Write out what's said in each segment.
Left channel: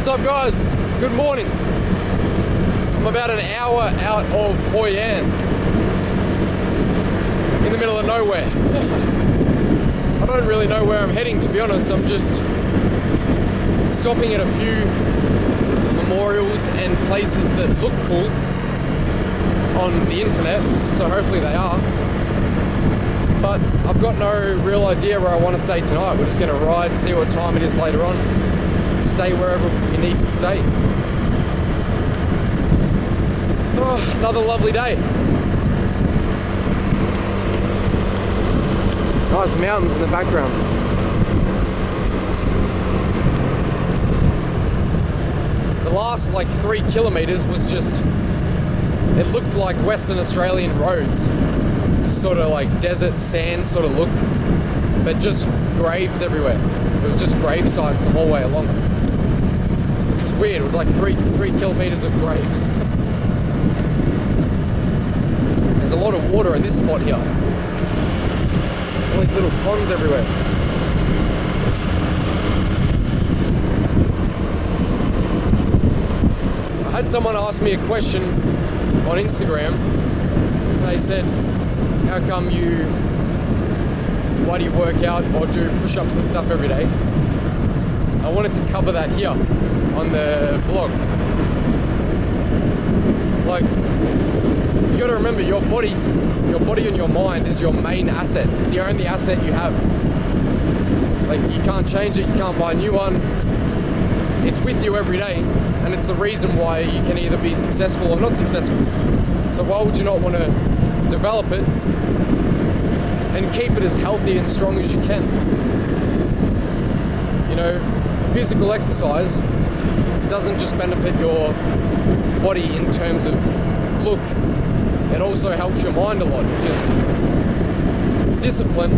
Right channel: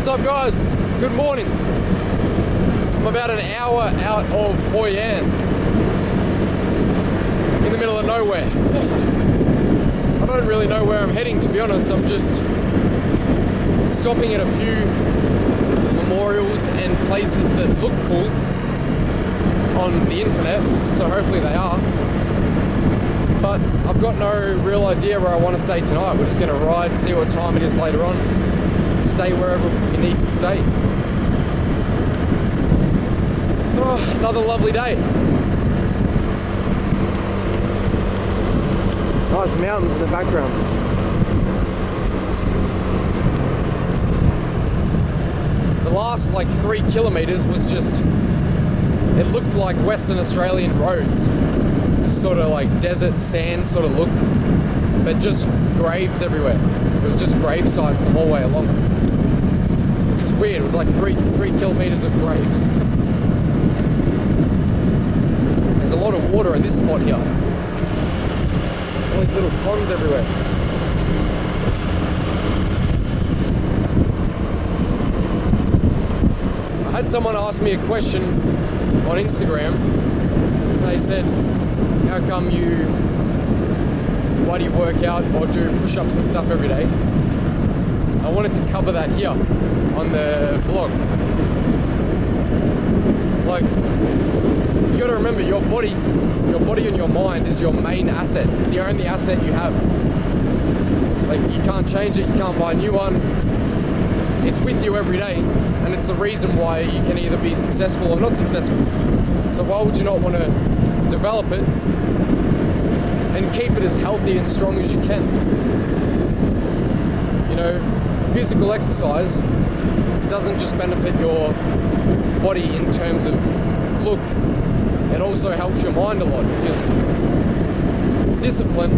What's up, guys? Good morning. I'm about an hour out of Hoi An, in the middle of nowhere. I don't really know where I'm heading, to be honest. I'm just stopping at a few memorials and places that look cool on the internet, so hopefully they are. But I've got no real idea where I want to stay tonight. We're just going to ride, see what time it is later on, stay wherever we need to stay. Oh, another lovely day. Nice mountains in the background. The last like 3 kilometers was just, it looked like Western Australian roads. Just sort of like desert sand sort of look, but just graves everywhere. It was just grave sites the whole way along. Which was weird. It was like 3 kilometers of graves. There's a lot of water in this spot here. All these little ponds everywhere. I had someone ask me a question on Instagram. They said, how come why do you work out or do push-ups and stuff every day? I wanted to cover that here on the vlog. Like, you gotta remember, your body and your mind is your main asset. It's the only asset you have. Like, you can't change it, you can't buy a new one. It's with you every day, and it's the reason why you can either be successful or not successful. So why would you not want to develop it and keep it as healthy and strong as you can? You know, physical exercise doesn't just benefit your body in terms of look, it also helps your mind a lot, because discipline,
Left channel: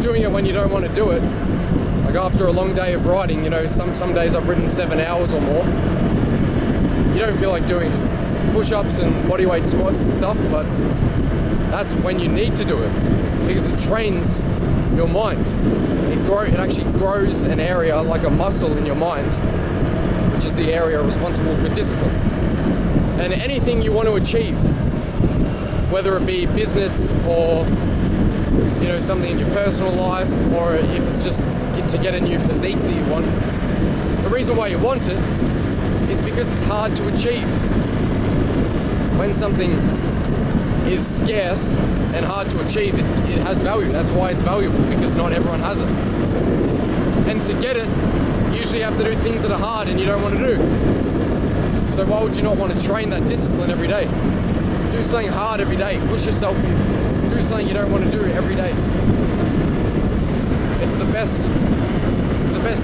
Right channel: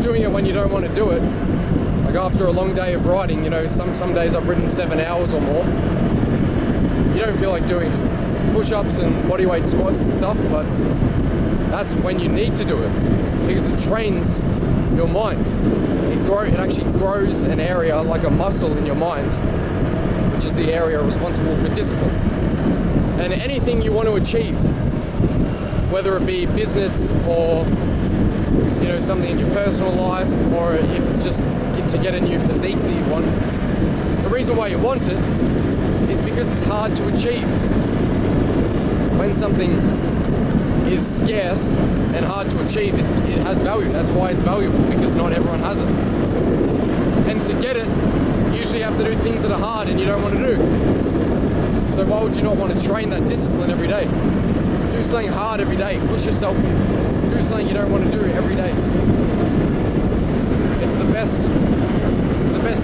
doing it when you don't want to do it, like after a long day of riding, you know, some days I've ridden 7 hours or more, you don't feel like doing push-ups and bodyweight squats and stuff, but that's when you need to do it, because it trains your mind. It actually grows an area like a muscle in your mind, which is the area responsible for discipline. And anything you want to achieve, whether it be business or, you know, something in your personal life, or if it's just to get a new physique that you want, the reason why you want it is because it's hard to achieve. When something is scarce and hard to achieve, it has value. That's why it's valuable, because not everyone has it. And to get it, you usually have to do things that are hard and you don't want to do. So why would you not want to train that discipline every day? Do something hard every day, push yourself, do something you don't want to do every day. It's the best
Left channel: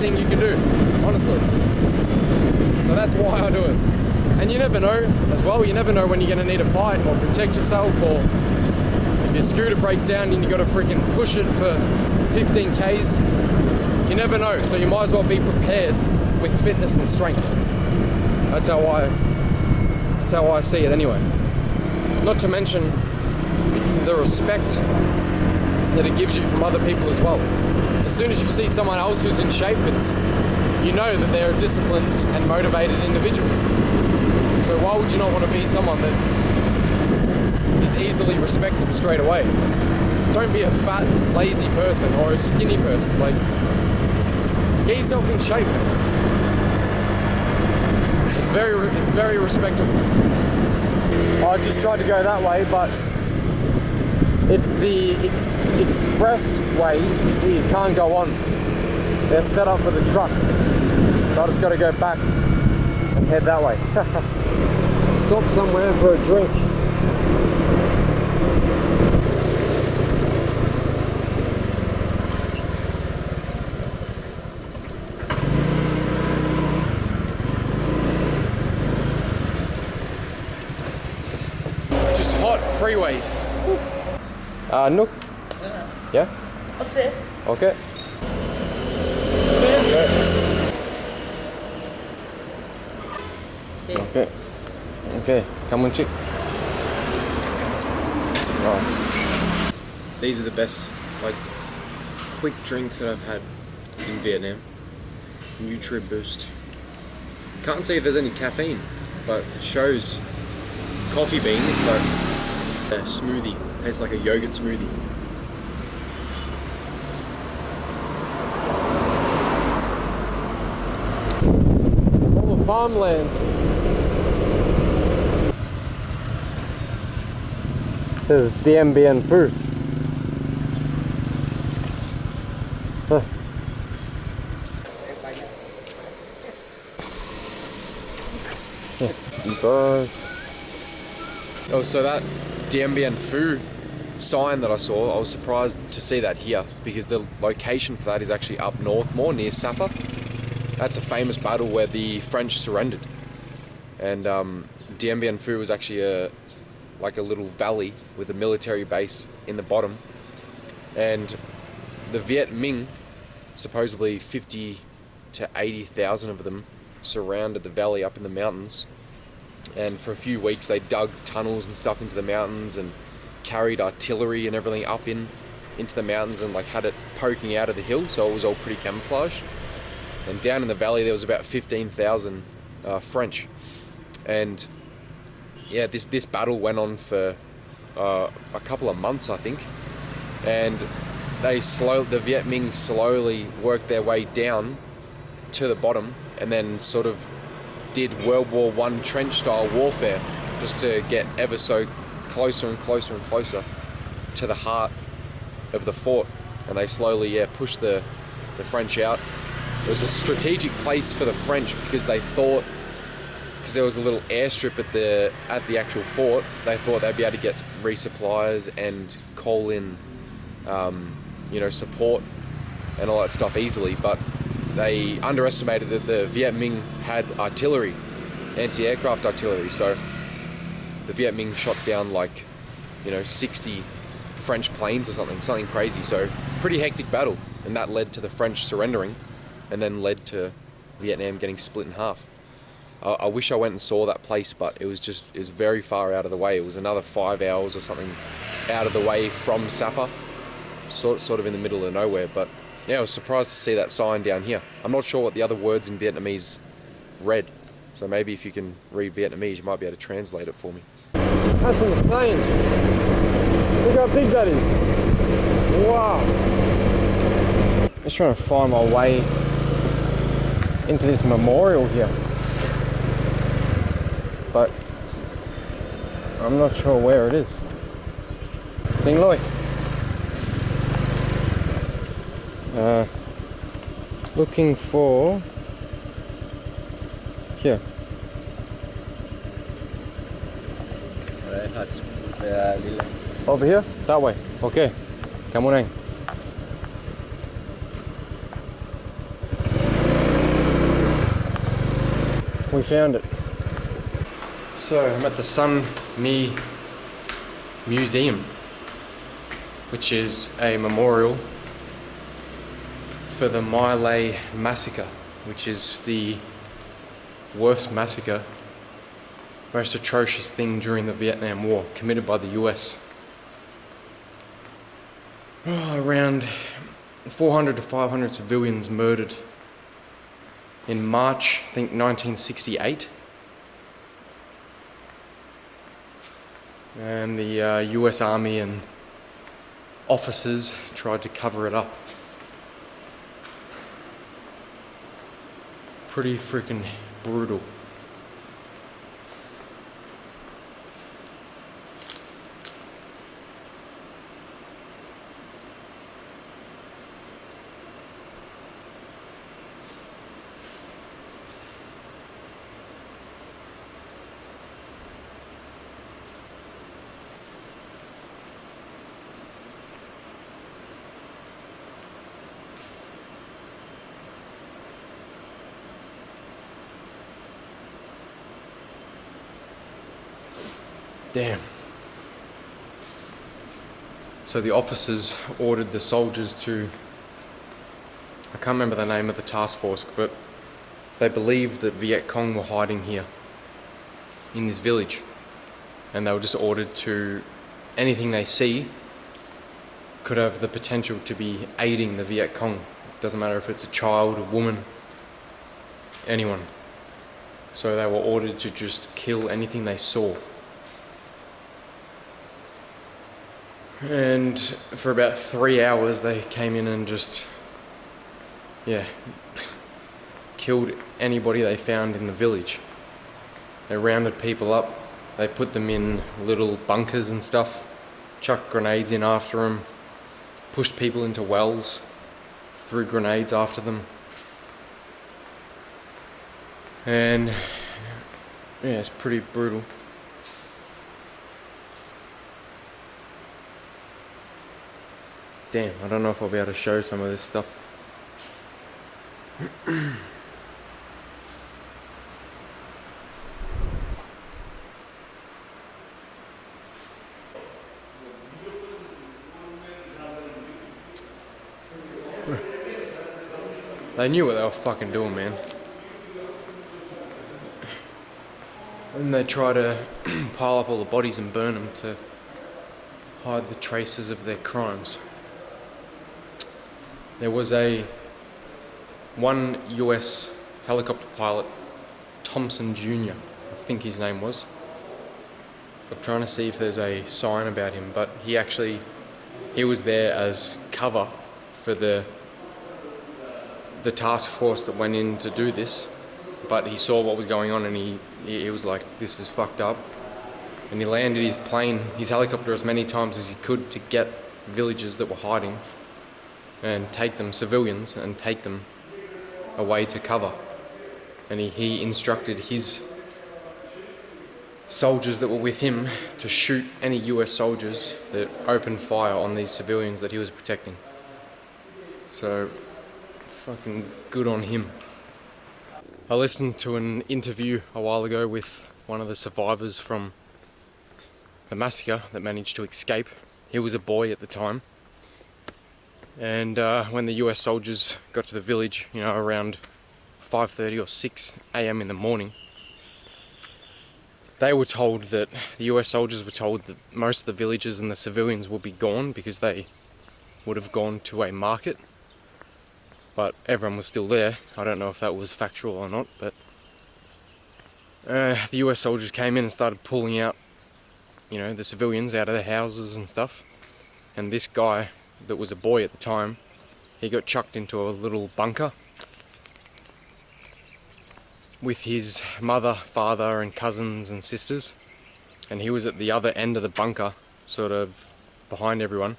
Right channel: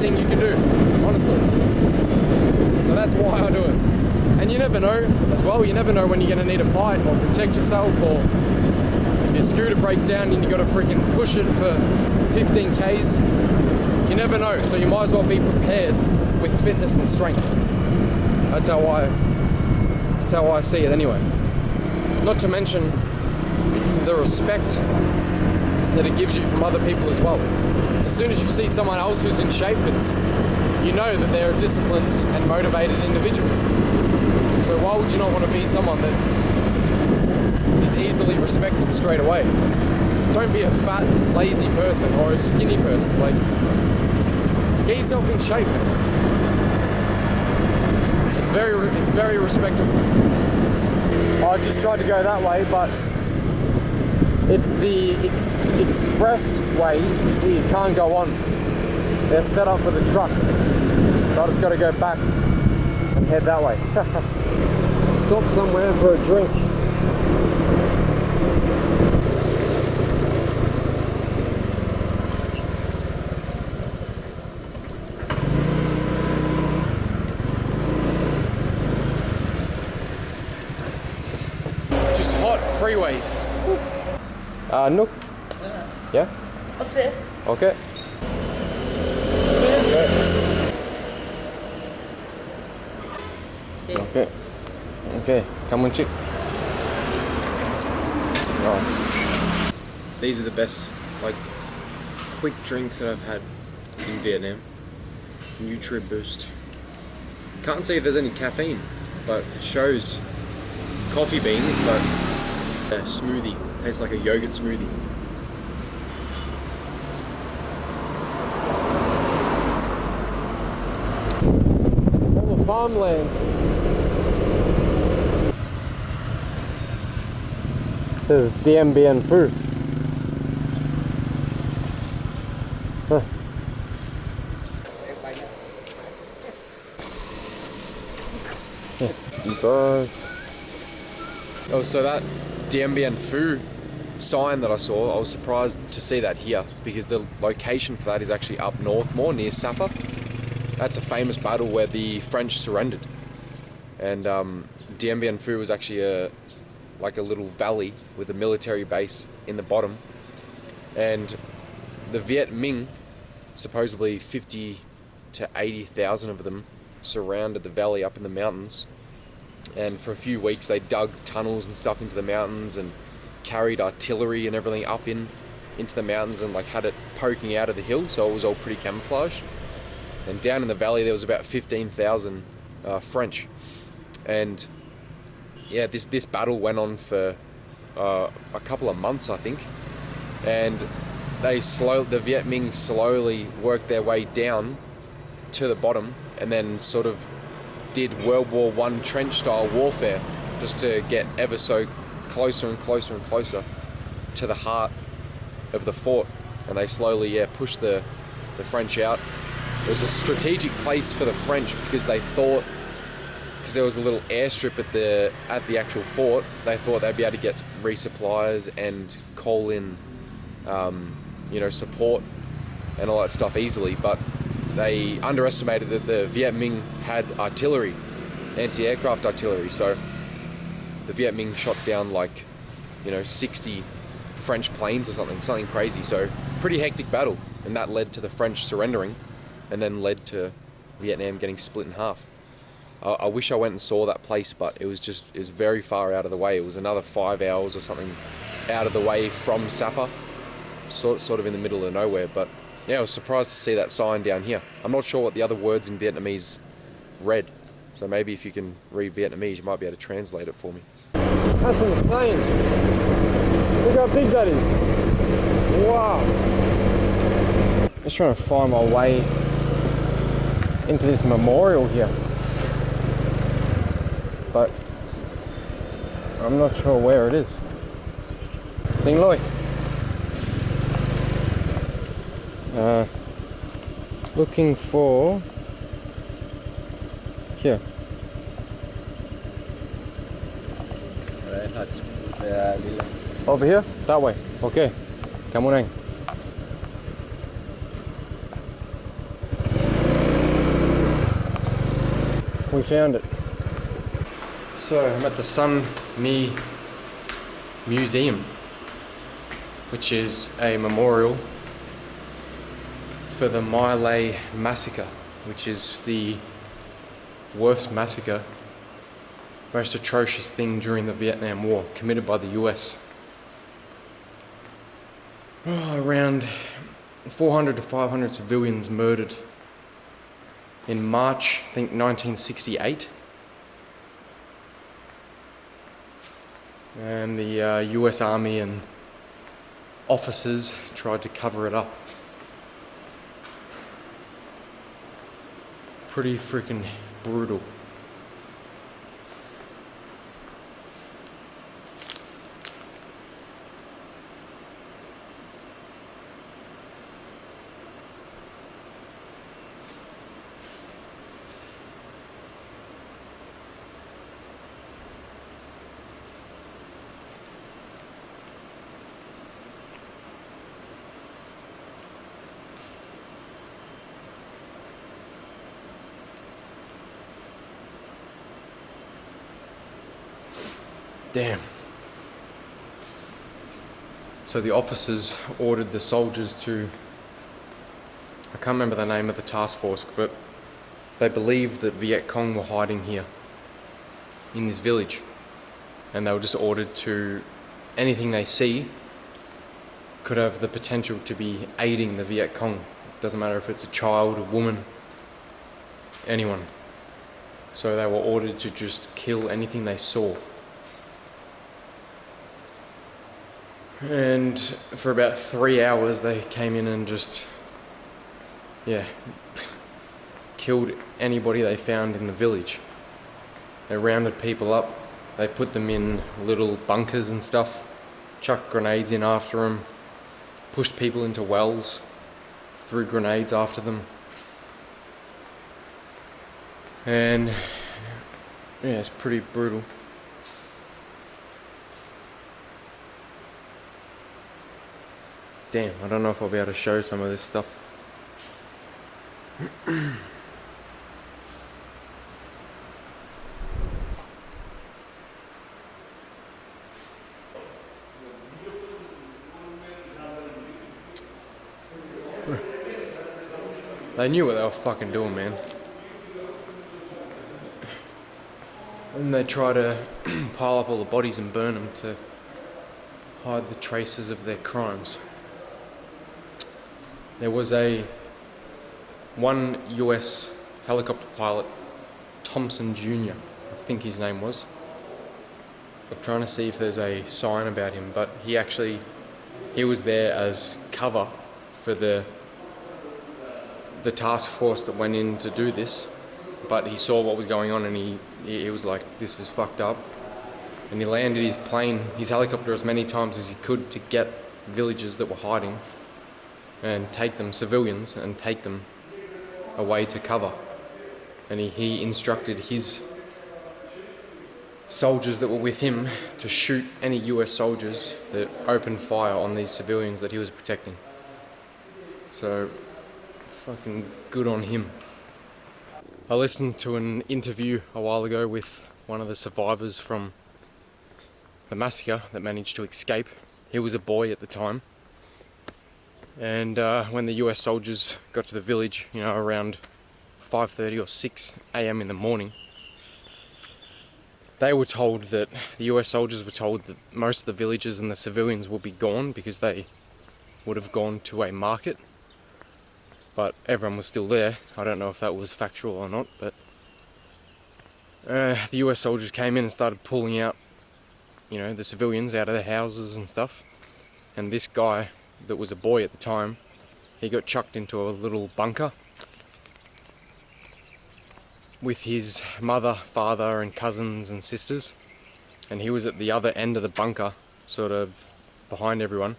thing you can do, honestly. So that's why I do it. And you never know as well, you never know when you're going to need a fight or protect yourself, or if your scooter breaks down and you got to freaking push it for 15 Ks. You never know, so you might as well be prepared with fitness and strength. That's how I see it anyway. Not to mention the respect that it gives you from other people as well. As soon as you see someone else who's in shape, you know that they're a disciplined and motivated individual. So why would you not want to be someone that is easily respected straight away? Don't be a fat, lazy person or a skinny person. Like, get yourself in shape. It's very respectable. I just tried to go that way, but it's the express ways that you can't go on. They're set up for the trucks. So I just got to go back and head that way. Stop somewhere for a drink. Just hot freeways. Nook? Yeah? Upset. Okay. Okay. Okay, come on, chick. Nice. These are the best, like, quick drinks that I've had in Vietnam. Nutri Boost. Can't see if there's any caffeine, but it shows coffee beans, but a smoothie. Tastes like a yogurt smoothie. All the farmlands. It says Dien Bien Phu. Huh. 65. Oh, so that Dien Bien Phu sign that I saw, I was surprised to see that here because the location for that is actually up north more, near Sapa. That's a famous battle where the French surrendered. And Dien Bien Phu was actually like a little valley with a military base in the bottom. And the Viet Minh, supposedly 50 to 80,000 of them, surrounded the valley up in the mountains. And for a few weeks they dug tunnels and stuff into the mountains and carried artillery and everything up into the mountains and like had it poking out of the hill, so it was all pretty camouflaged. And down in the valley there was about 15,000 French. And yeah, this battle went on for a couple of months, I think. And the Viet Minh slowly worked their way down to the bottom and then sort of did World War I trench style warfare just to get ever so closer and closer and closer to the heart of the fort. And they slowly pushed the French out. It was a strategic place for the French because they thought, because there was a little airstrip at the actual fort, they thought they'd be able to get resupplies and call in support and all that stuff easily, but they underestimated that the Viet Minh had artillery, anti-aircraft artillery, so the Viet Minh shot down 60 French planes or something crazy. So pretty hectic battle, and that led to the French surrendering and then led to Vietnam getting split in half. I wish I went and saw that place, but it was very far out of the way. It was another 5 hours or something out of the way from Sapa, sort of in the middle of nowhere. But yeah, I was surprised to see that sign down here. I'm not sure what the other words in Vietnamese read, so maybe if you can read Vietnamese, you might be able to translate it for me. That's insane. Look how big that is. Wow. Just trying to find my way into this memorial here, but I'm not sure where it is. Sing Loi. Looking for here. Over here? That way. Okay. Cảm ơn anh. We found it. So I'm at the Sun Mi Museum, which is a memorial for the My Lai massacre, which is the worst massacre, most atrocious thing during the Vietnam War, committed by the US. Around 400 to 500 civilians murdered in March, I think 1968. And the US Army and officers tried to cover it up. Pretty freaking brutal. Damn. So the officers ordered the soldiers to, I can't remember the name of the task force, but they believed that Viet Cong were hiding here in this village, and they were just ordered to, anything they see could have the potential to be aiding the Viet Cong. Doesn't matter if it's a child, a woman, anyone. So they were ordered to just kill anything they saw. And for about 3 hours they came in and just, killed anybody they found in the village. They rounded people up, they put them in little bunkers and stuff, chucked grenades in after them, pushed people into wells, threw grenades after them. And yeah, it's pretty brutal. Damn, I don't know if I'll be able to show some of this stuff. They knew what they were fucking doing, man. And they try to pile up all the bodies and burn them to hide the traces of their crimes. There was one US helicopter pilot, Thompson Jr., I think his name was. I'm trying to see if there's a sign about him, but he was there as cover for the task force that went in to do this, but he saw what was going on and he was like, this is fucked up. And he landed his helicopter as many times as he could to get villagers that were hiding and take them, civilians, and take them away to cover. And he instructed his soldiers that were with him to shoot any US soldiers that opened fire on these civilians that he was protecting. So, fucking good on him. I listened to an interview a while ago with one of the survivors from the massacre that managed to escape. He was a boy at the time. And when the US soldiers got to the village, around 5:30 or 6 a.m. in the morning, they were told that, the US soldiers were told that most of the villagers and the civilians will be gone because they would have gone to a market. But everyone was still there. I don't know if that was factual or not, but the US soldiers came in and started pulling out, the civilians out of their houses and stuff. And this guy that was a boy at the time, he got chucked into a little bunker with his mother, father and cousins and sisters, and he was at the other end of the bunker, sort of behind everyone,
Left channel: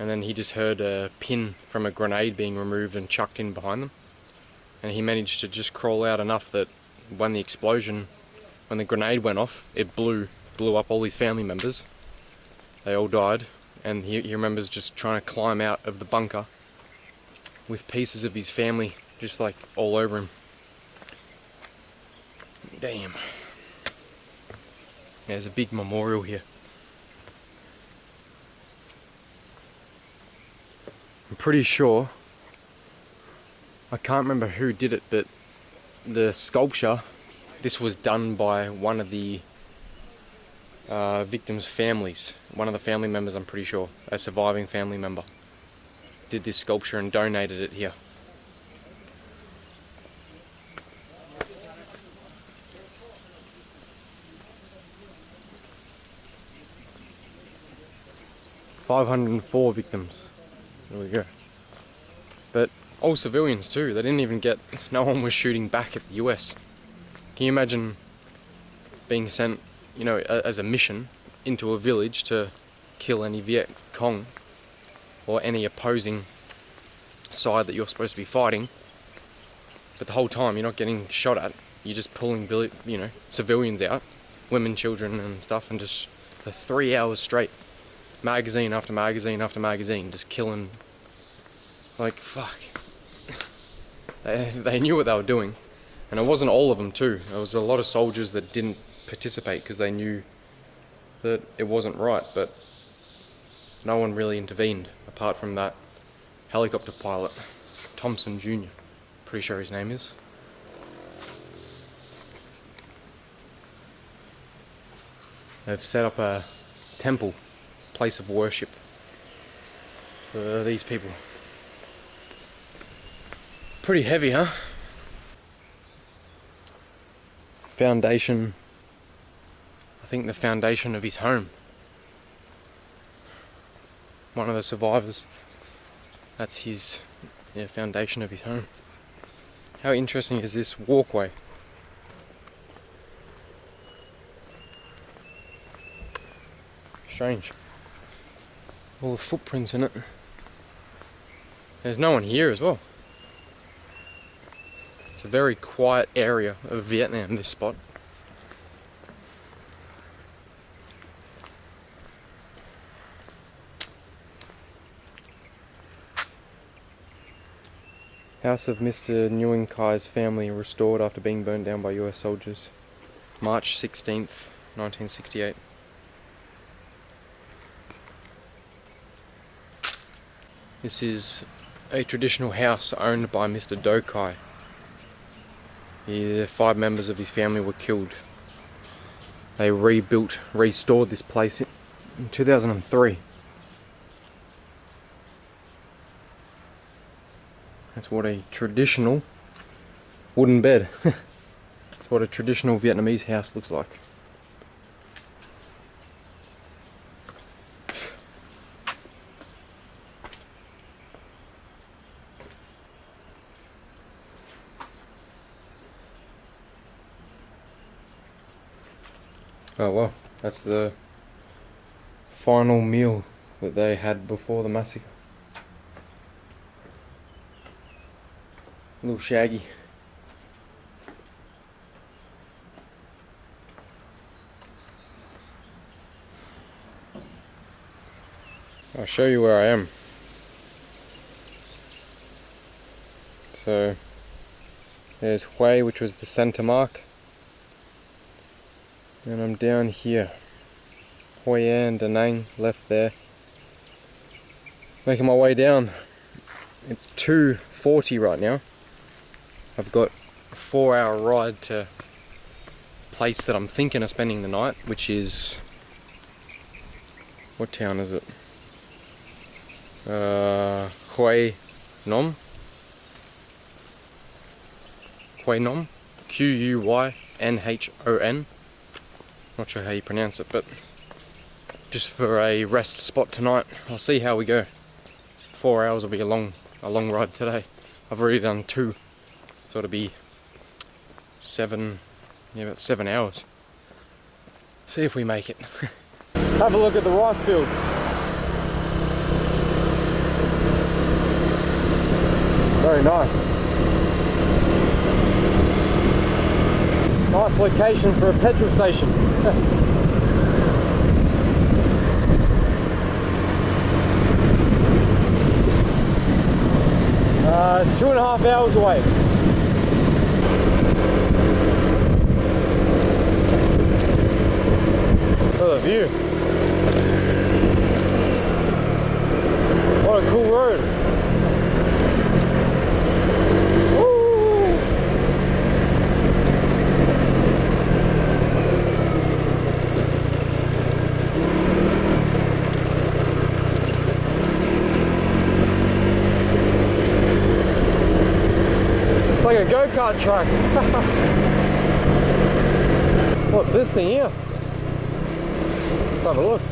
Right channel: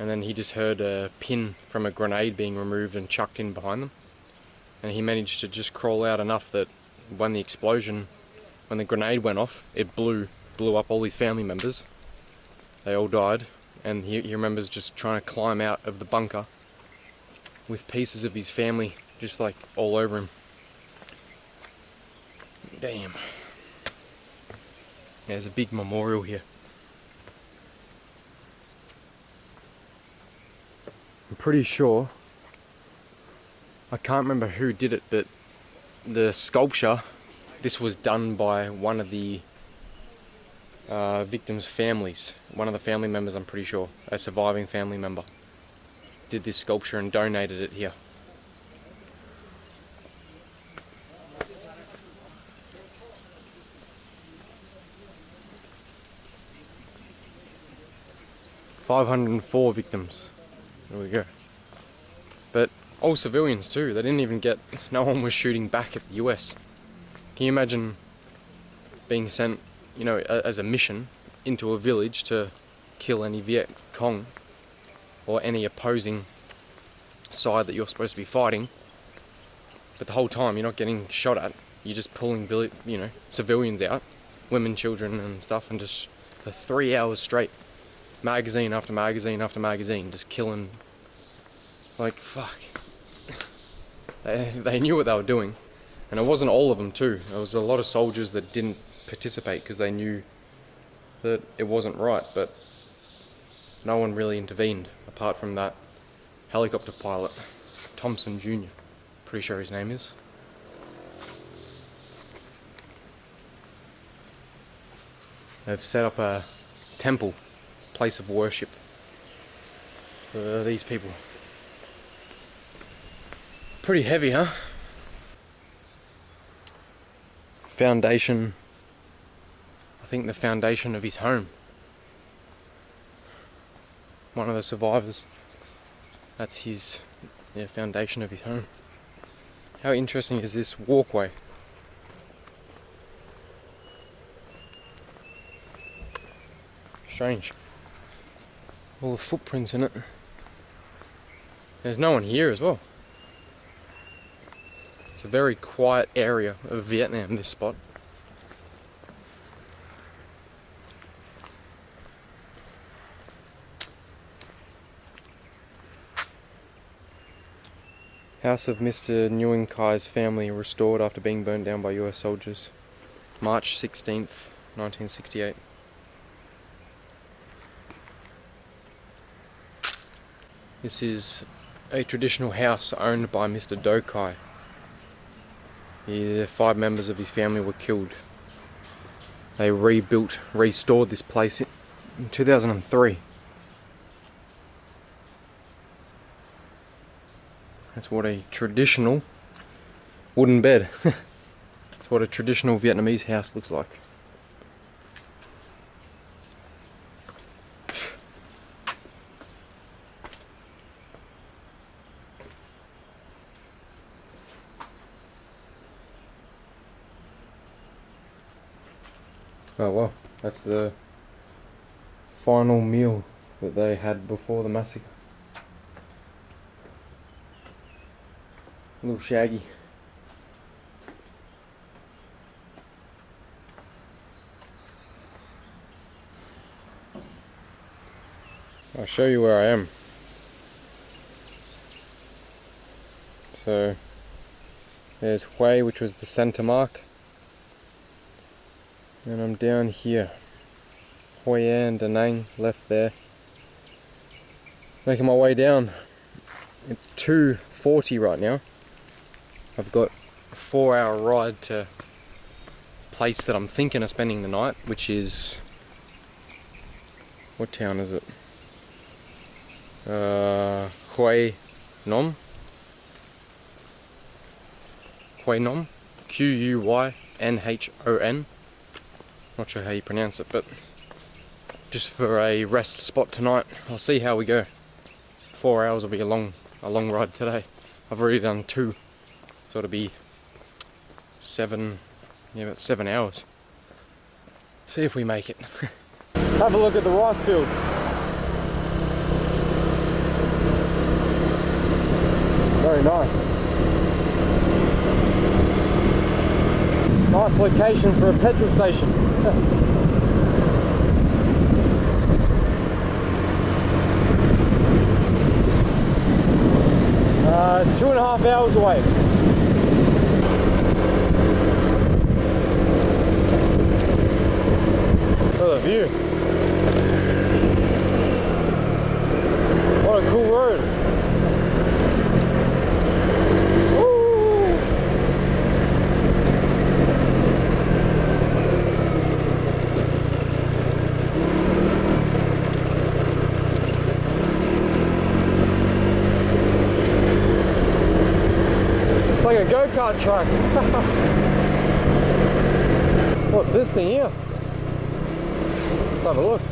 and then he just heard a pin from a grenade being removed and chucked in behind them, and he managed to just crawl out enough that when the grenade went off, it blew up all his family members. They all died. And he remembers just trying to climb out of the bunker with pieces of his family just like all over him. Damn. There's a big memorial here. I'm pretty sure, I can't remember who did it, but the sculpture, this was done by one of the victims' families. One of the family members, I'm pretty sure, a surviving family member, did this sculpture and donated it here. "504 victims. There we go. But all civilians too. They didn't even no one was shooting back at the US. Can you imagine being sent, as a mission into a village to kill any Viet Cong or any opposing side that you're supposed to be fighting, but the whole time you're not getting shot at, you're just pulling civilians out, women, children and stuff, and just for 3 hours straight, magazine after magazine after magazine, just killing. Like, fuck. They knew what they were doing, and it wasn't all of them too. There was a lot of soldiers that didn't participate because they knew that it wasn't right, but no one really intervened apart from that helicopter pilot, Thompson Jr., pretty sure his name is. They've set up a temple, place of worship for these people. Pretty heavy, huh? foundation, I think the foundation of his home. One of the survivors, that's his foundation of his home. How interesting is this walkway? Strange. All the footprints in it. There's no one here as well. It's a very quiet area of Vietnam, this spot. House of Mr. Nguyen Kai's family restored after being burned down by US soldiers. March 16th, 1968. This is a traditional house owned by Mr. Do Kai. The 5 members of his family were killed. They restored this place in 2003. That's what a traditional wooden bed. That's what a traditional Vietnamese house looks like. Oh well, that's the final meal that they had before the massacre. A little shaggy. I'll show you where I am. So there's Hue, which was the center mark, and I'm down here. Hoi An, Da Nang, left there. Making my way down. It's 2:40 right now. I've got a 4-hour ride to a place that I'm thinking of spending the night, which is... what town is it? Quy Nhon? Quy Nhon? Q-U-Y-N-H-O-N. Not sure how you pronounce it, but just for a rest spot tonight. I'll see how we go. 4 hours will be a long ride today. I've already done 2, so it'll be 7, about 7 hours. See if we make it. Have a look at the rice fields. Very nice. Nice location for a petrol station. 2.5 hours away. Look at the view. What a cool road. Woo. It's like a go-kart track. What's this thing here? Let's have a look.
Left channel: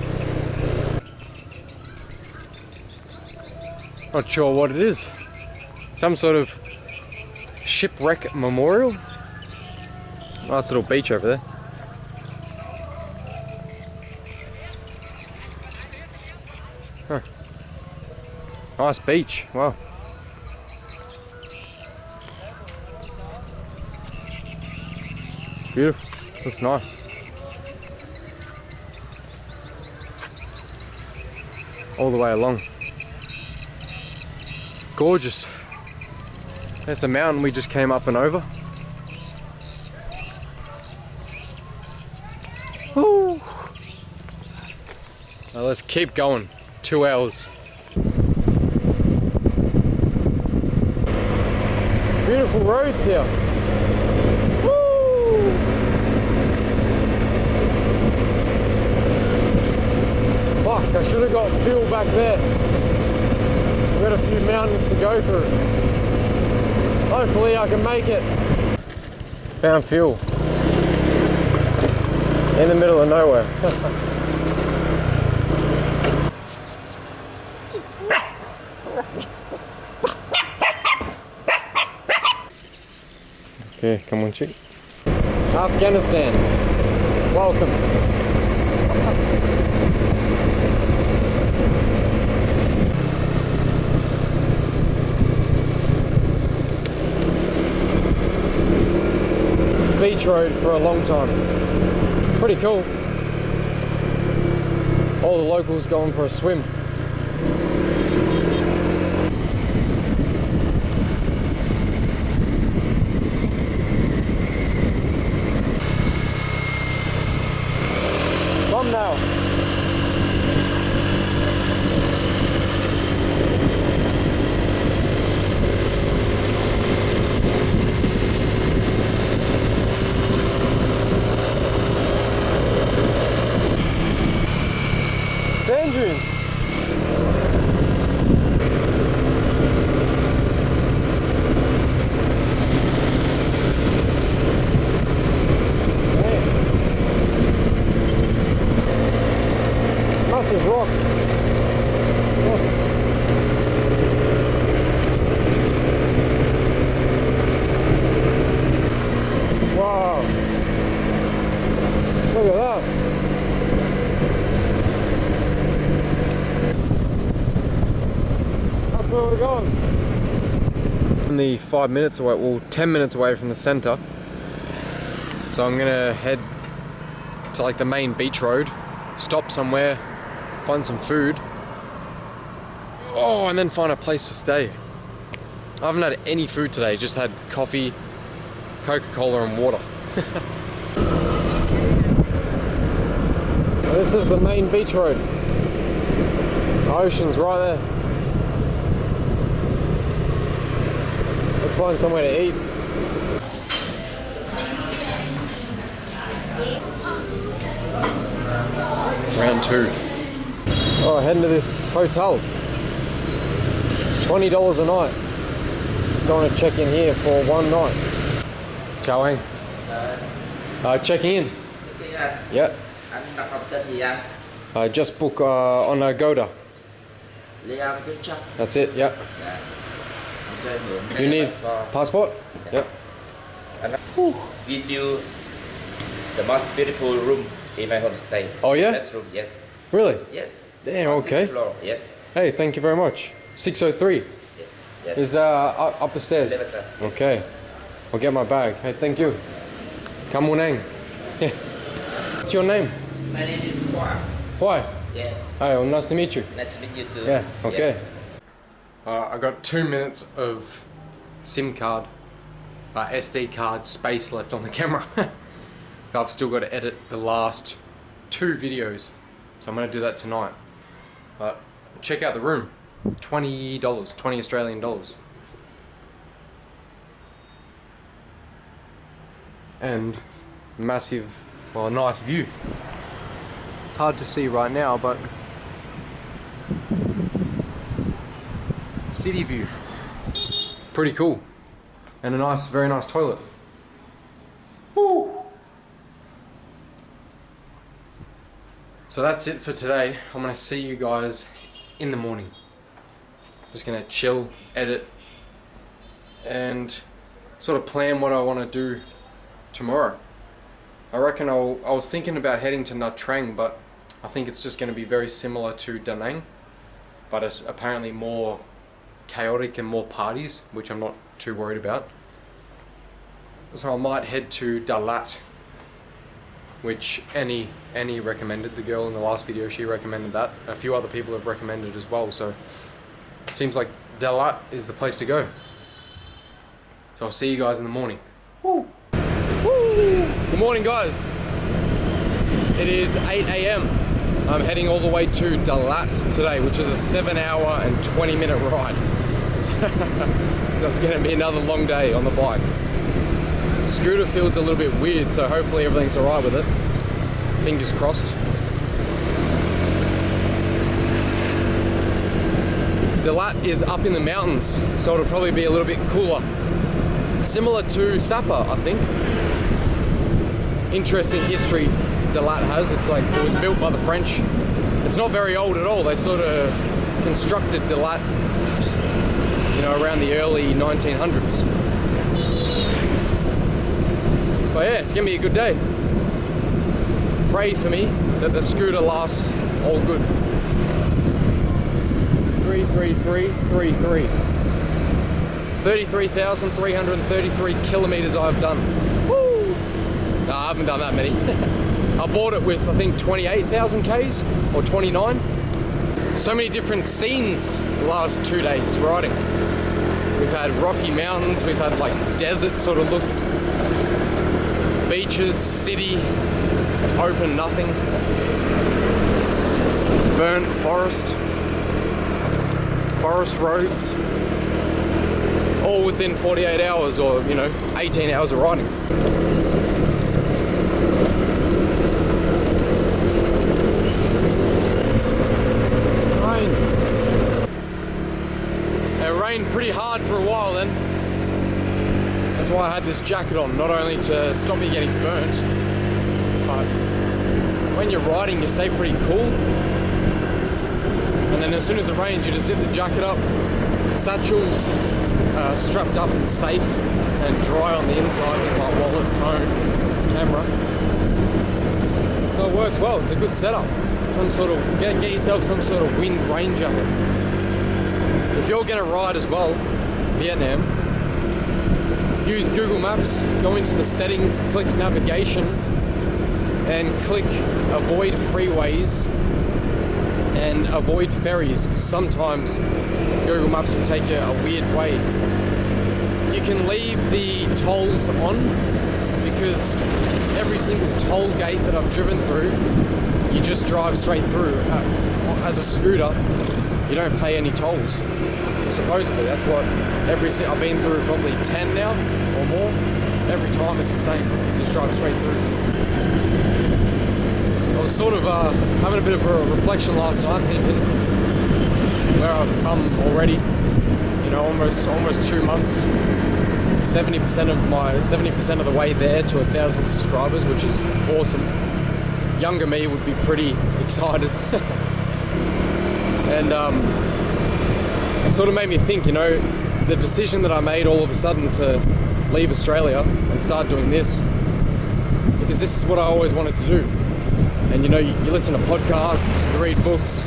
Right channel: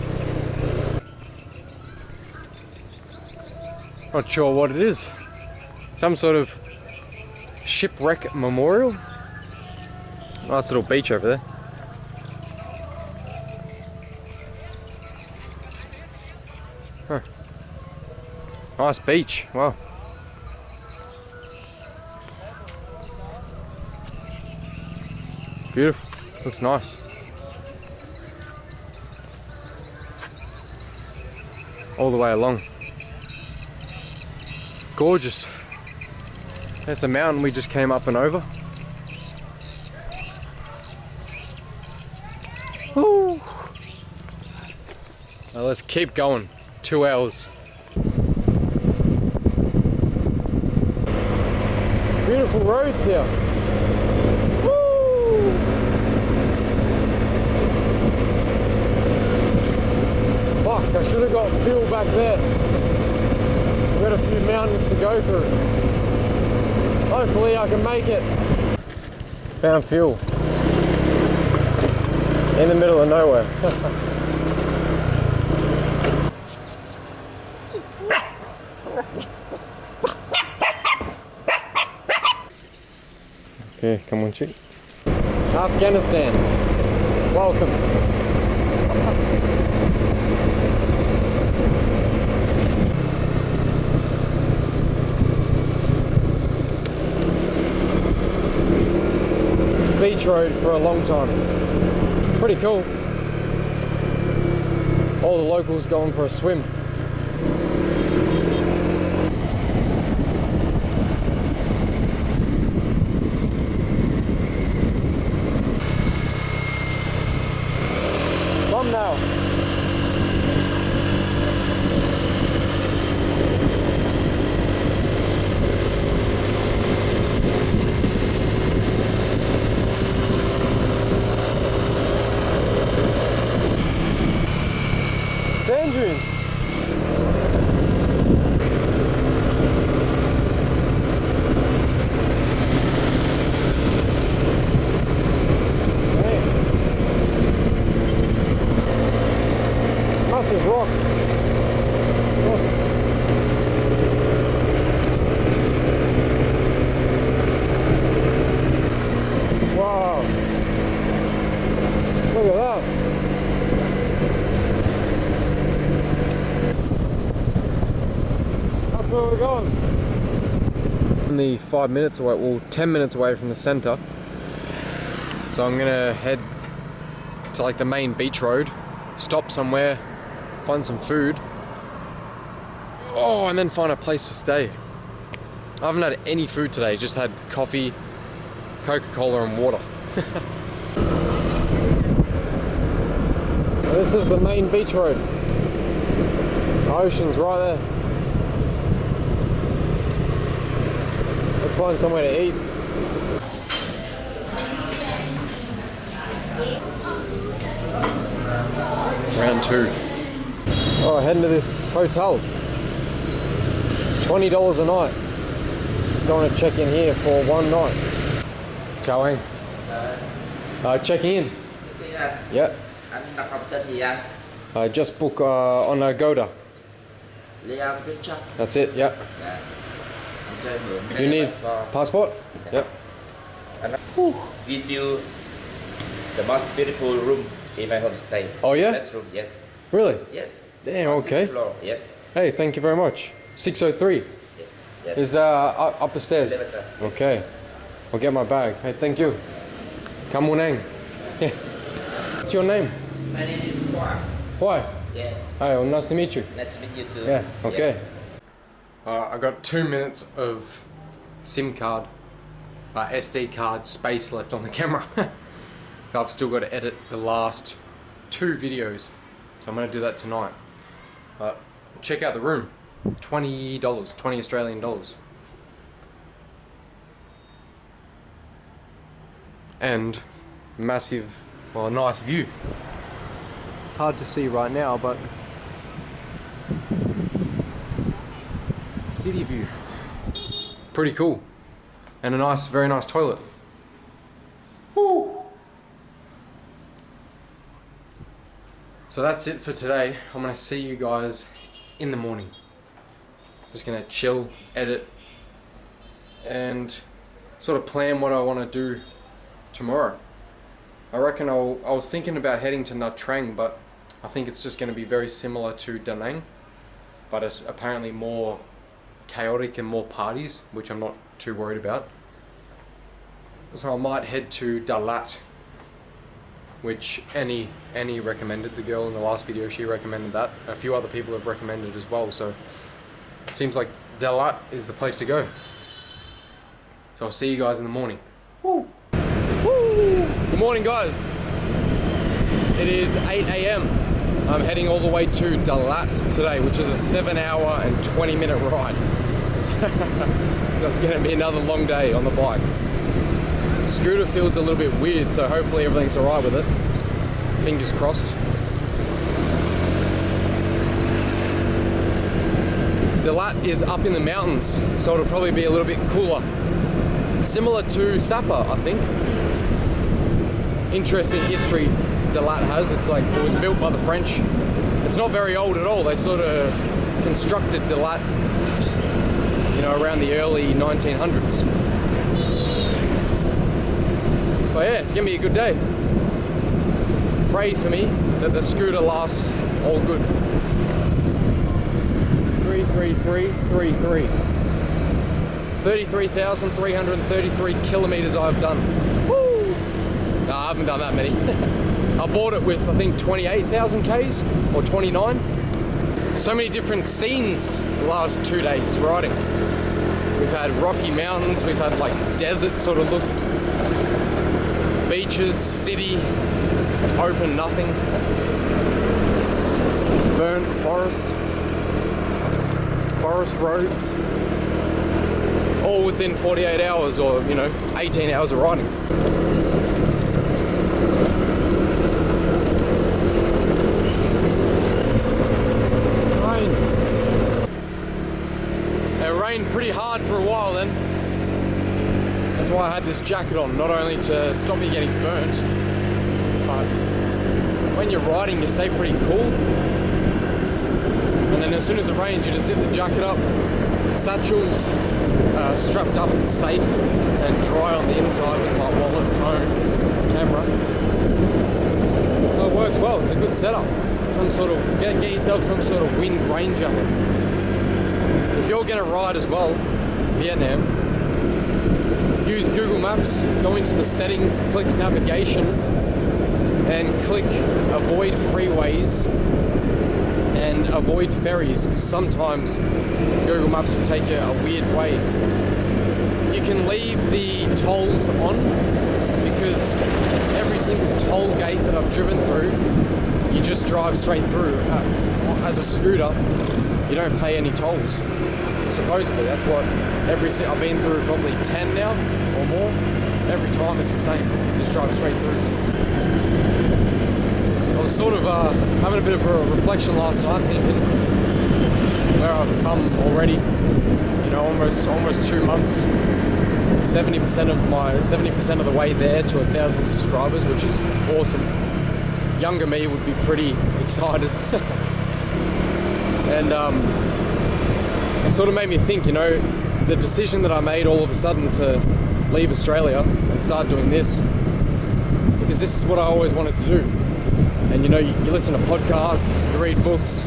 Not sure what it is. Some sort of shipwreck memorial. Nice little beach over there. Huh. Nice beach. Wow. Beautiful. Looks nice. All the way along. Gorgeous. There's a mountain we just came up and over. Woo. Now let's keep going. 2 hours. Beautiful roads here. Woo. Fuck, I should have got fuel back there. Got a few mountains to go through. Hopefully I can make it. Found fuel. In the middle of nowhere. Okay, come on, chick. Afghanistan. Welcome. Beach road for a long time. Pretty cool. All the locals going for a swim. Thumbnail. Sand dunes. Massive rocks. Oh. Wow. Look at that. That's where we're going. Only 5 minutes away, well 10 minutes away from the center. So I'm gonna head to like the main beach road, stop somewhere, find some food, and then find a place to stay. I haven't had any food today, just had coffee, Coca-Cola and water. This is the main beach road. The ocean's right there. Let's find somewhere to eat. Round 2. Oh, heading to this hotel. $20 a night. Going to check in here for one night. Chào anh. Checking in. Yeah. Anh đặt phòng tên gì anh? Just book on Agoda. Leon Picture. That's it, yeah. Dạ. Anh cho em mượn You cái need passport. passport? Yep. Anh give you the most beautiful room in my homestay. Oh yeah? Best room, yes. Really? Yes. Damn, On sixth okay. floor, yes. Hey, thank you very much. 603 Yes. is up the stairs. Elevator. Okay. I'll get my bag. Hey, thank you. Kamunang. Yeah. What's your name? My name is Hua. Why? Yes. Hi, well, nice to meet you. Nice to meet you too. Yeah, okay. Yes. I got 2 minutes of SIM card, SD card space left on the camera. I've still got to edit the last 2 videos, so I'm going to do that tonight. But check out the room, $20, 20 Australian dollars. And massive, well, nice view. It's hard to see right now, but city view. Pretty cool. And a nice, very nice toilet. Woo. So that's it for today. I'm gonna see you guys in the morning. Just gonna chill, edit, and sort of plan what I want to do tomorrow. I reckon I was thinking about heading to Nha Trang, but I think it's just going to be very similar to Da Nang, but it's apparently more chaotic and more parties, which I'm not too worried about. So I might head to Dalat, which Annie recommended, the girl in the last video, she recommended that. A few other people have recommended as well, so it seems like Dalat is the place to go. So I'll see you guys in the morning. Woo! Woo! Good morning, guys. It is 8 AM. I'm heading all the way to Dalat today, which is a 7-hour and 20-minute ride. So it's going to be another long day on the bike. The scooter feels a little bit weird, so hopefully everything's alright with it. Fingers crossed. Dalat is up in the mountains, so it'll probably be a little bit cooler. Similar to Sapa, I think. Interesting history Dalat has. It's like, it was built by the French. It's not very old at all. They sort of constructed Dalat, you know, around the early 1900s. But yeah, it's gonna be a good day. Pray for me that the scooter lasts all good. 33333. 33,333 kilometers I've done. Woo! No, I haven't done that many. I bought it with, I think, 28,000 Ks or 29. So many different scenes the last 2 days riding. We've had rocky mountains, we've had like desert sort of look, beaches, city, open nothing, burnt forest roads, all within 48 hours or, you know, 18 hours of riding. It rained pretty hard for a while then. That's why I had this jacket on, not only to stop me getting burnt, but when you're riding you stay pretty cool. And then as soon as it rains you just zip the jacket up, satchels strapped up and safe and dry on the inside with my wallet, phone, camera. So it works well, it's a good setup. Some sort of, get yourself some sort of wind rain jacket. If you're gonna ride as well, Vietnam, use Google Maps, go into the settings, click navigation, and click avoid freeways and avoid ferries. Sometimes Google Maps will take you a weird way. You can leave the tolls on because every single toll gate that I've driven through, you just drive straight through. As a scooter, you don't pay any tolls. Supposedly, that's what I've been through probably 10 now or more. Every time it's the same. You just drive straight through. I was sort of having a bit of a reflection last night, thinking where I've come already. You know, almost 2 months. 70% of the way there to 1,000 subscribers, which is awesome. Younger me would be pretty excited. And it sort of made me think, you know, the decision that I made all of a sudden to leave Australia and start doing this is because this is what I always wanted to do. And you know, you listen to podcasts, you read books,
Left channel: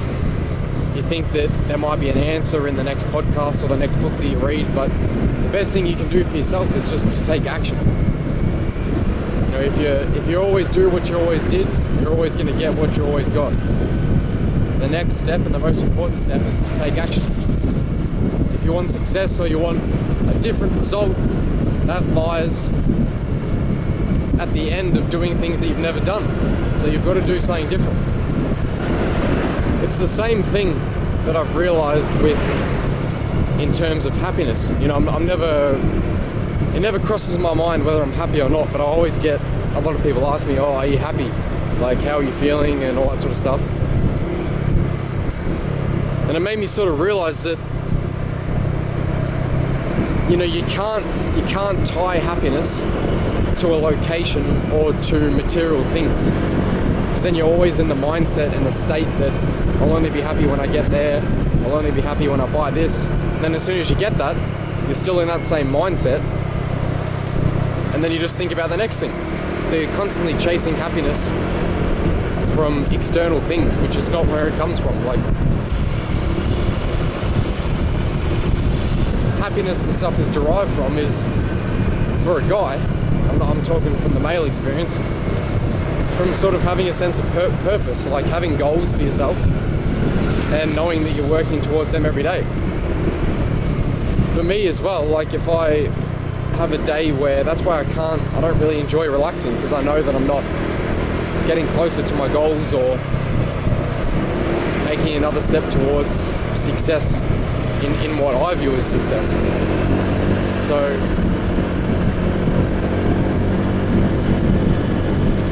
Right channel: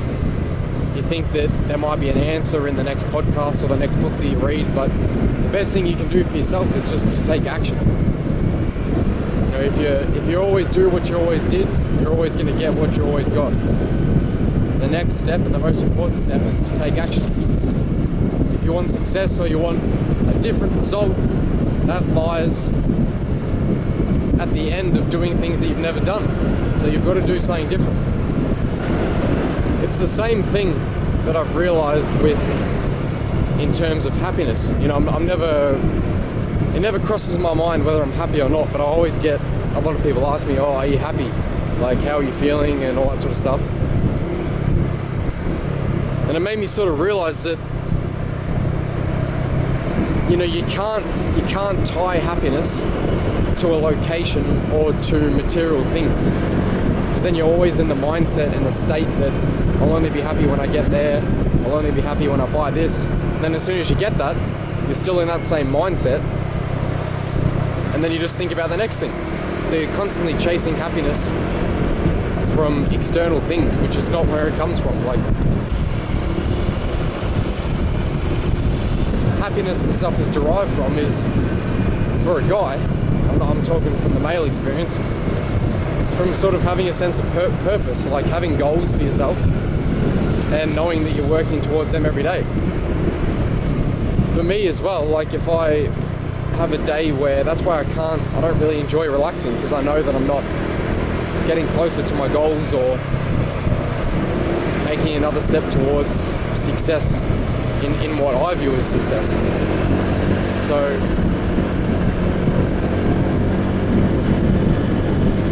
you think that there might be an answer in the next podcast or the next book that you read, but the best thing you can do for yourself is just to take action. You know, if you always do what you always did, you're always going to get what you always got. The next step and the most important step is to take action. If you want success or you want a different result, that lies at the end of doing things that you've never done. So you've got to do something different. It's the same thing that I've realized in terms of happiness. You know, it never crosses my mind whether I'm happy or not, but I always get a lot of people ask me, oh, are you happy? Like, how are you feeling and all that sort of stuff. And it made me sort of realize that, you know, you can't tie happiness to a location or to material things, because then you're always in the mindset and the state that I'll only be happy when I get there, I'll only be happy when I buy this. And then as soon as you get that, you're still in that same mindset, and then you just think about the next thing. So you're constantly chasing happiness from external things, which is not where it comes from. Like, happiness and stuff is derived from is, for a guy, I'm talking from the male experience, from sort of having a sense of purpose, like having goals for yourself and knowing that you're working towards them every day. For me as well, like if I have a day where, that's why I don't really enjoy relaxing, because I know that I'm not getting closer to my goals or making another step towards success in what I view as success. So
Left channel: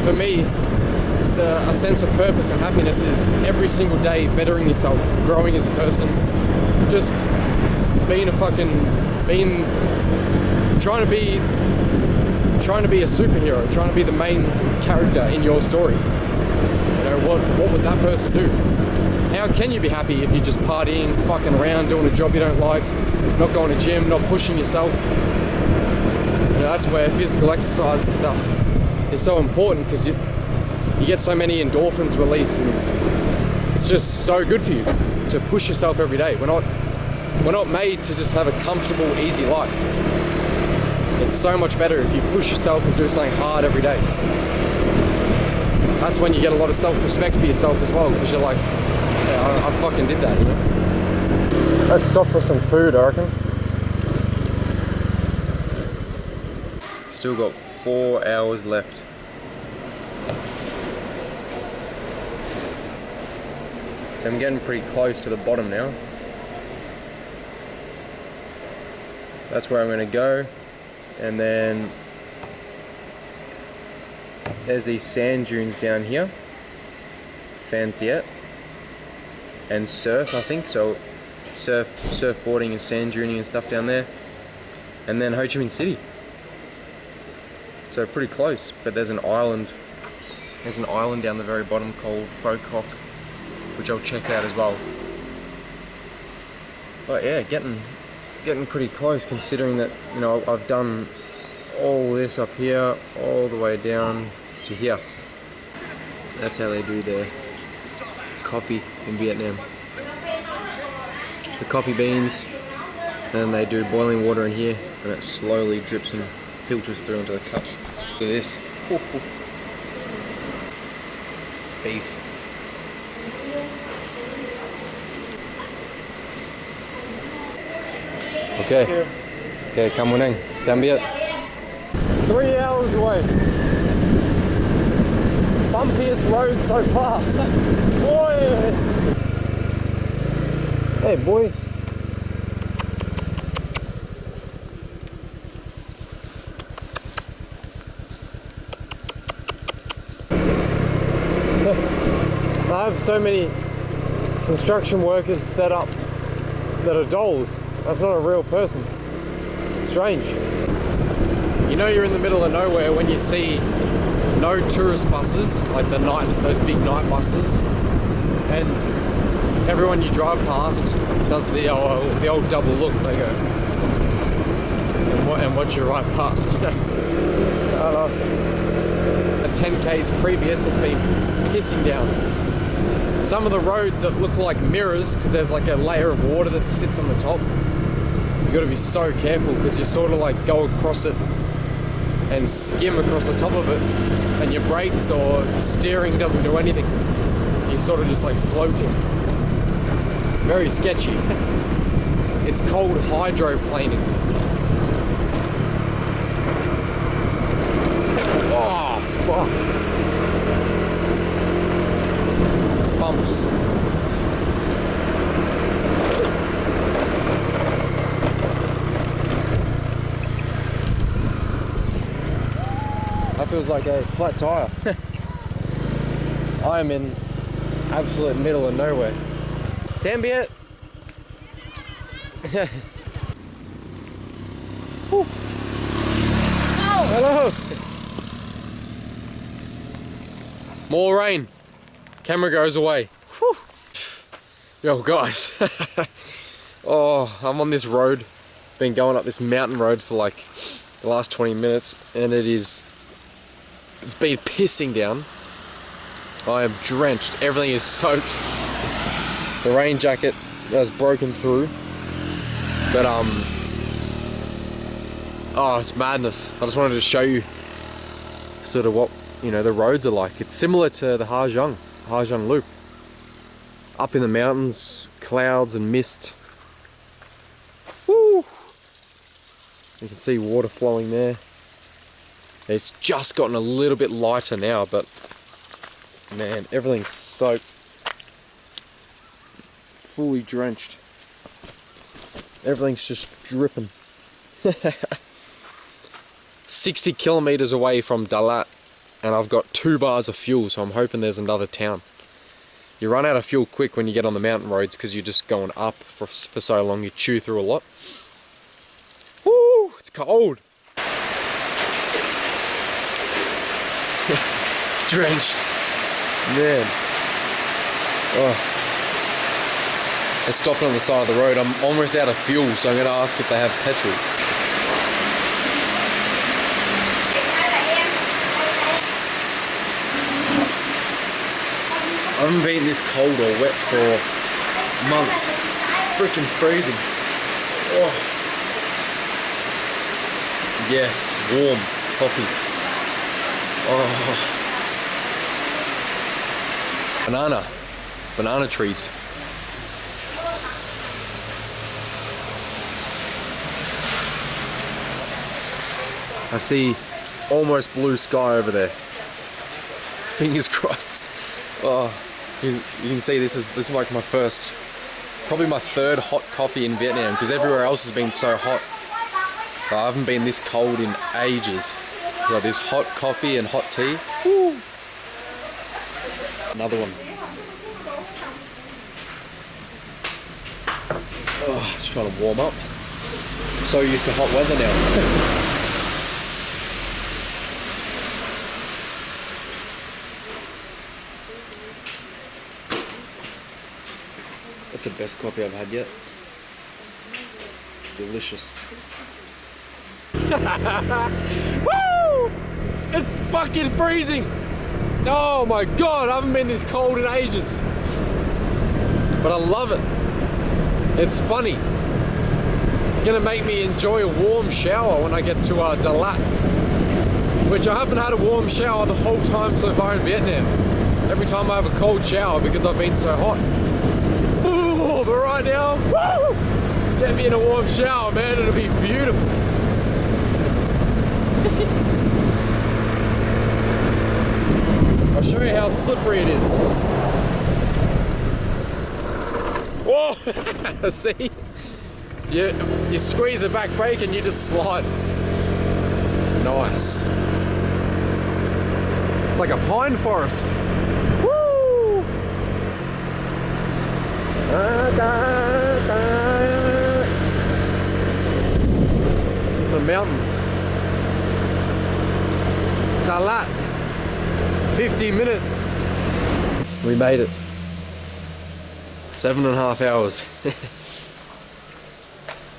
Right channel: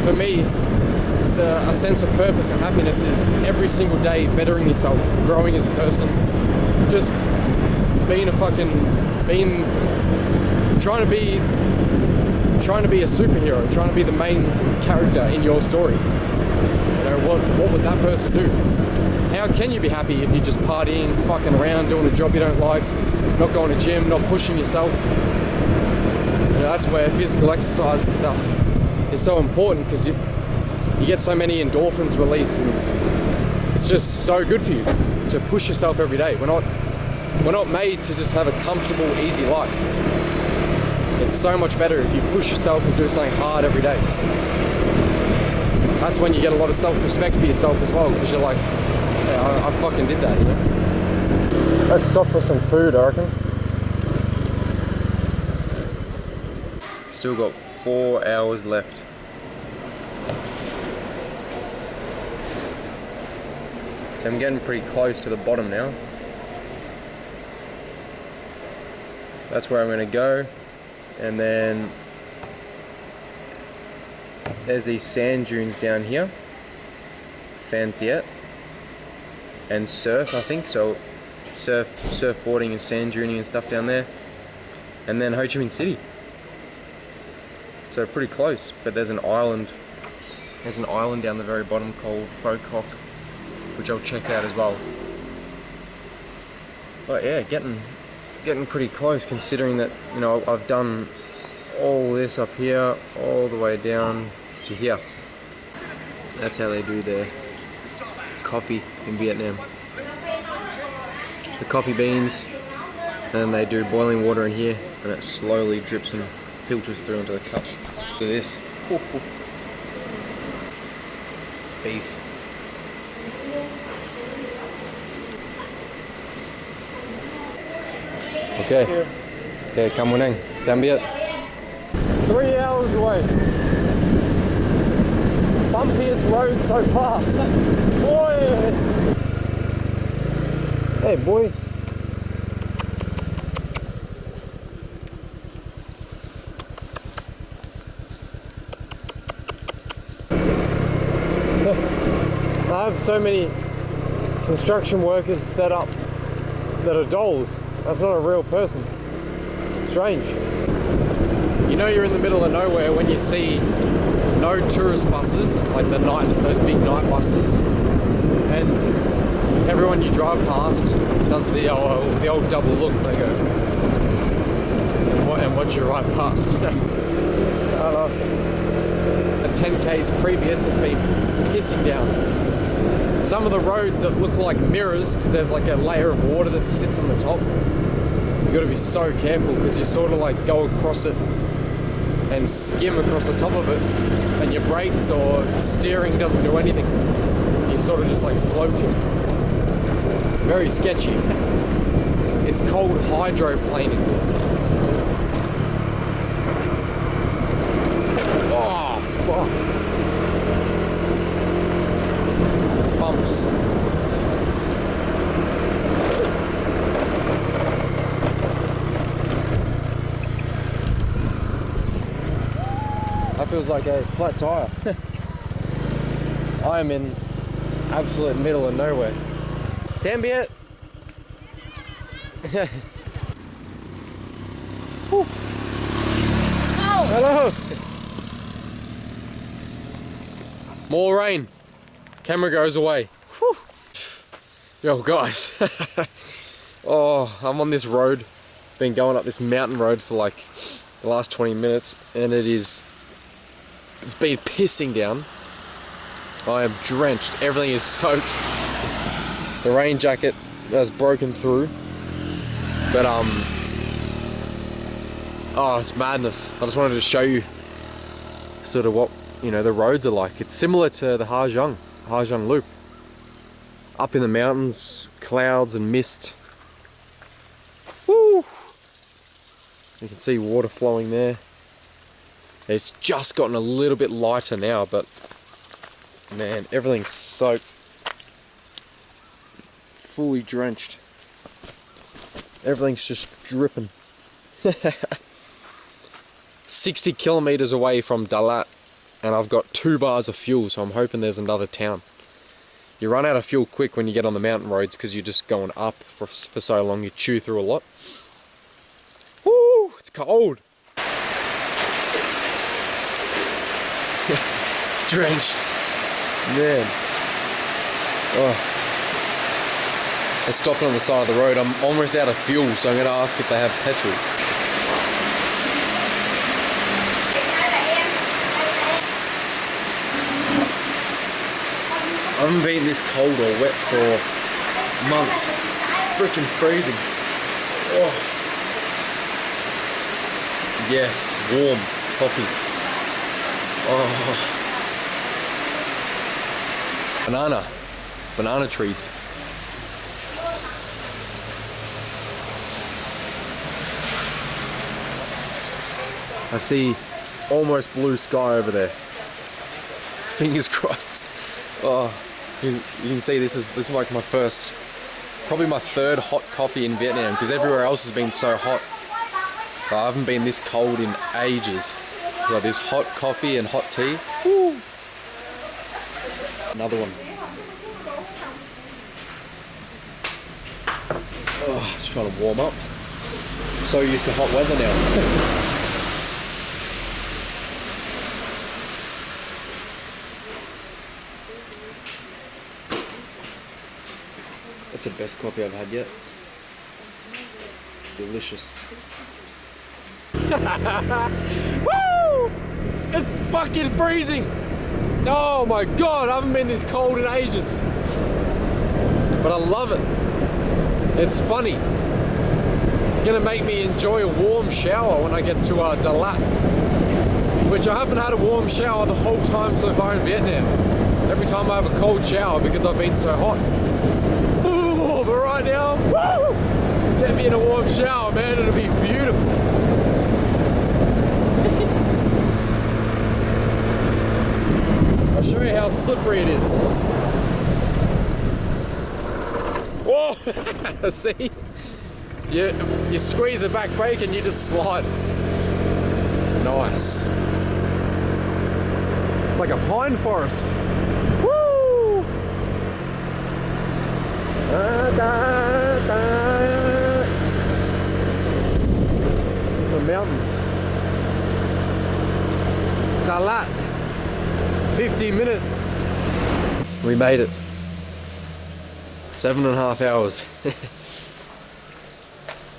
for me, a sense of purpose and happiness is every single day bettering yourself, growing as a person, just trying to be a superhero, trying to be the main character in your story. know, what would that person do? How can you be happy if you're just partying, fucking around, doing a job you don't like, not going to gym, not pushing yourself? You know, that's where physical exercise and stuff is so important, because you get so many endorphins released, and it's just so good for you to push yourself every day. We're not made to just have a comfortable, easy life. It's so much better if you push yourself and do something hard every day. That's when you get a lot of self-respect for yourself as well, because you're like, yeah, I fucking did that, you know? Let's stop for some food, I reckon. Still got 4 hours left. So I'm getting pretty close to the bottom now. That's where I'm going to go. And then there's these sand dunes down here. Phan Thiet. And surf, I think. So surfboarding and sand duning and stuff down there. And then Ho Chi Minh City. So pretty close. But there's an island. There's an island down the very bottom called Pho Quoc, which I'll check out as well. But yeah, getting pretty close, considering that, you know, I've done all this up here all the way down to here. So that's how they do their coffee in Vietnam. The coffee beans, and they do boiling water in here, and it slowly drips and filters through into the cup. Look at this. Beef. Okay. Okay, come on in. Dien Bien. 3 hours away. Bumpiest road so far. Boy. Hey, boys. I have so many construction workers set up that are dolls. That's not a real person. Strange. You know you're in the middle of nowhere when you see no tourist buses, like those big night buses, and everyone you drive past does the old double look. They go and watch you ride past. I don't know. At 10Ks previous, it's been pissing down. Some of the roads that look like mirrors, because there's like a layer of water that sits on the top. You got to be so careful, because you sort of like go across it and skim across the top of it, and your brakes or steering doesn't do anything. You're sort of just like floating. Very sketchy. It's called hydroplaning. Oh, fuck. Bumps. That feels like a flat tire. I am in absolute middle of nowhere. Dien Bien. Hello. More rain. Camera goes away. Whew. Yo guys. Oh, I'm on this road. Been going up this mountain road for like the last 20 minutes, and it's been pissing down. I am drenched. Everything is soaked. The rain jacket has broken through. But oh, it's madness. I just wanted to show you sort of what, you know, the roads are like. It's similar to the Ha Giang Loop. Up in the mountains, clouds and mist. Woo! You can see water flowing there. It's just gotten a little bit lighter now, but man, everything's soaked. Fully drenched. Everything's just dripping. 60 kilometers away from Dalat, and I've got 2 bars of fuel, so I'm hoping there's another town. You run out of fuel quick when you get on the mountain roads, because you're just going up for so long. You chew through a lot. Woo! It's cold. Drenched. Man. Oh. They're stopping on the side of the road. I'm almost out of fuel, so I'm going to ask if they have petrol. I haven't been this cold or wet for months. Freaking freezing. Oh. Yes, warm coffee. Oh. Banana trees. I see almost blue sky over there. Fingers crossed. Oh, you can see this is like my first, probably my third hot coffee in Vietnam, because everywhere else has been so hot. But I haven't been this cold in ages. Got this hot coffee and hot tea. Woo. Another one. Oh, just trying to warm up. I'm so used to hot weather now. That's the best coffee I've had yet. Delicious. Woo! It's fucking freezing! Oh my god, I haven't been this cold in ages. But I love it. It's funny. It's gonna make me enjoy a warm shower when I get to Dalat. Which I haven't had a warm shower the whole time so far in Vietnam. Every time I have a cold shower because I've been so hot. Ooh, but right now, woo! Get me in a warm shower, man, it'll be beautiful. I'll show you how slippery it is. Whoa! See? You squeeze the back brake and you just slide. Nice. It's like a pine forest. Woo! The mountains. Dalat. 50 minutes. We made it. 7.5 hours.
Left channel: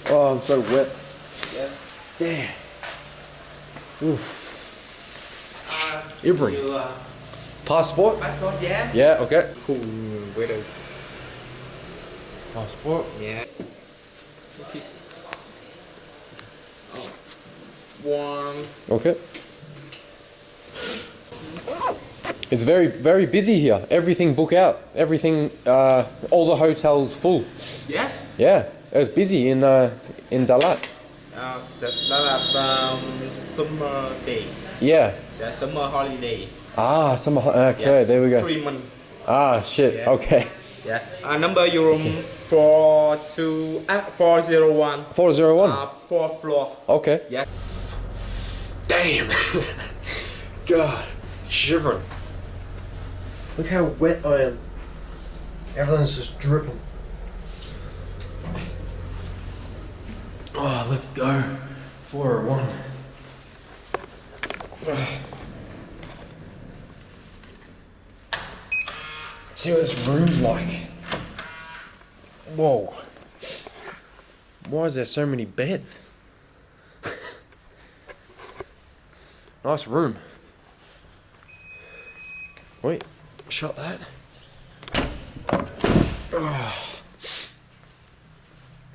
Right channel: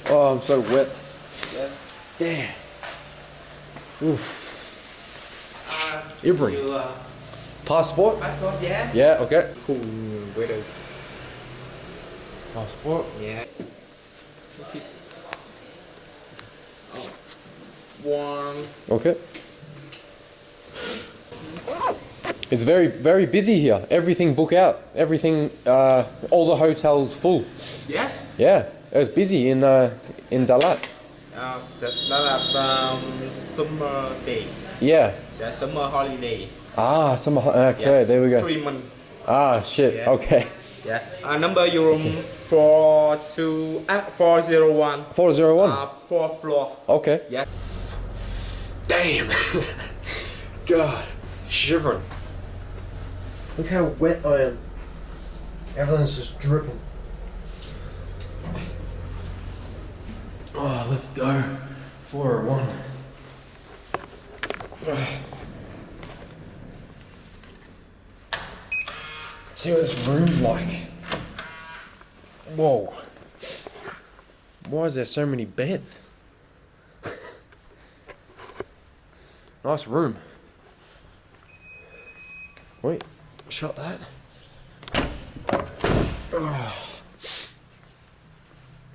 Oh, I'm so wet. Yeah. Damn. Oof. Every. Passport? Passport, yes. Yeah, okay. Cool. Weather. Passport? Yeah. One. Okay. It's very, very busy here. Everything book out. Everything, all the hotels full. Yes. Yeah, it was busy in Dalat. Dalat summer day. Yeah. Yeah, summer holiday. Ah, okay, there we go. 3 months. Ah, shit. Yeah. Okay. Yeah. Number your room 401. 401. 4th floor. Okay. Yeah. Damn. God, shivering. Look how wet I am. Everything's just dripping. Oh, let's go. 401. See what this room's like. Whoa. Why is there so many beds? Nice room. Wait, shut that. Oh.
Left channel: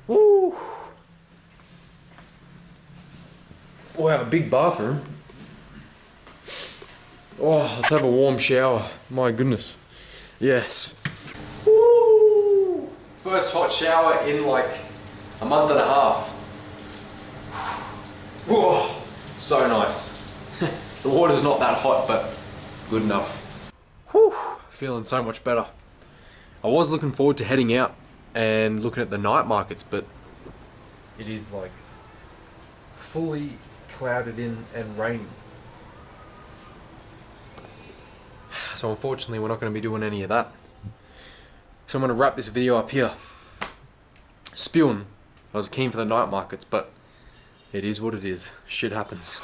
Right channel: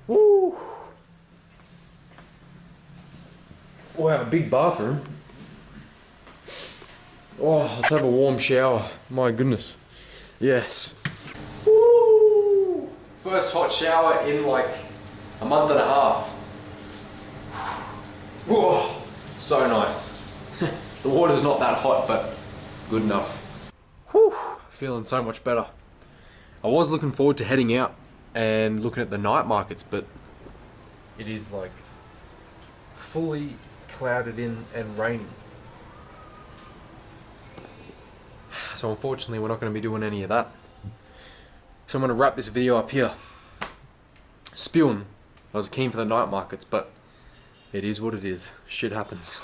Woo. Wow, big bathroom. Oh, let's have a warm shower. My goodness. Yes. Woo. First hot shower in like a month and a half. Whoa, so nice. The water's not that hot, but good enough. Whew, feeling so much better. I was looking forward to heading out and looking at the night markets, but it is like fully clouded in and raining. So unfortunately we're not going to be doing any of that. So I'm going to wrap this video up here. Spewing. I was keen for the night markets, but it is what it is. Shit happens.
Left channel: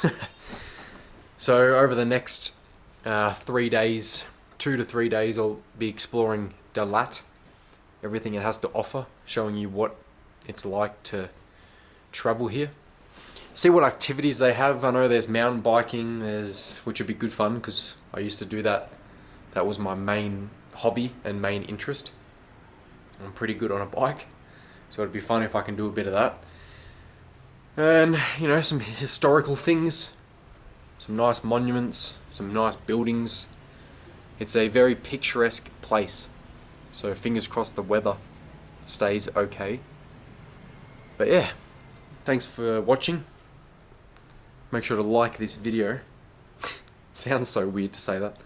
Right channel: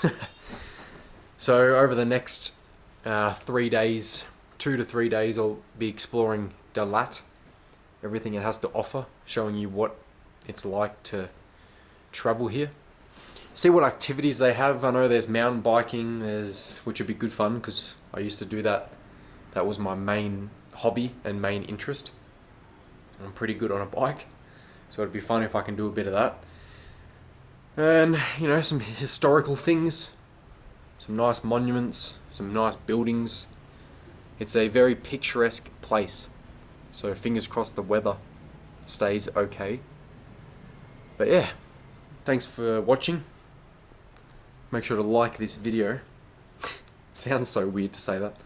So over the next 3 days, 2 to 3 days I'll be exploring Dalat, everything it has to offer, showing you what it's like to travel here. See what activities they have. I know there's mountain biking, which would be good fun because I used to do that. That was my main hobby and main interest. I'm pretty good on a bike, so it'd be fun if I can do a bit of that. And, you know, some historical things, some nice monuments, some nice buildings. It's a very picturesque place, so fingers crossed the weather stays okay. But yeah, thanks for watching. Make sure to like this video. Sounds so weird to say that,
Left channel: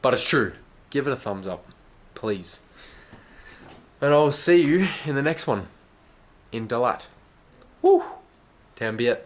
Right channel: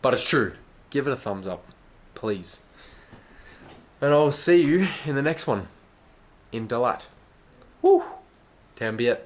but it's true. Give it a thumbs up, please. And I'll see you in the next one in Dalat. Woo! Dien Bien.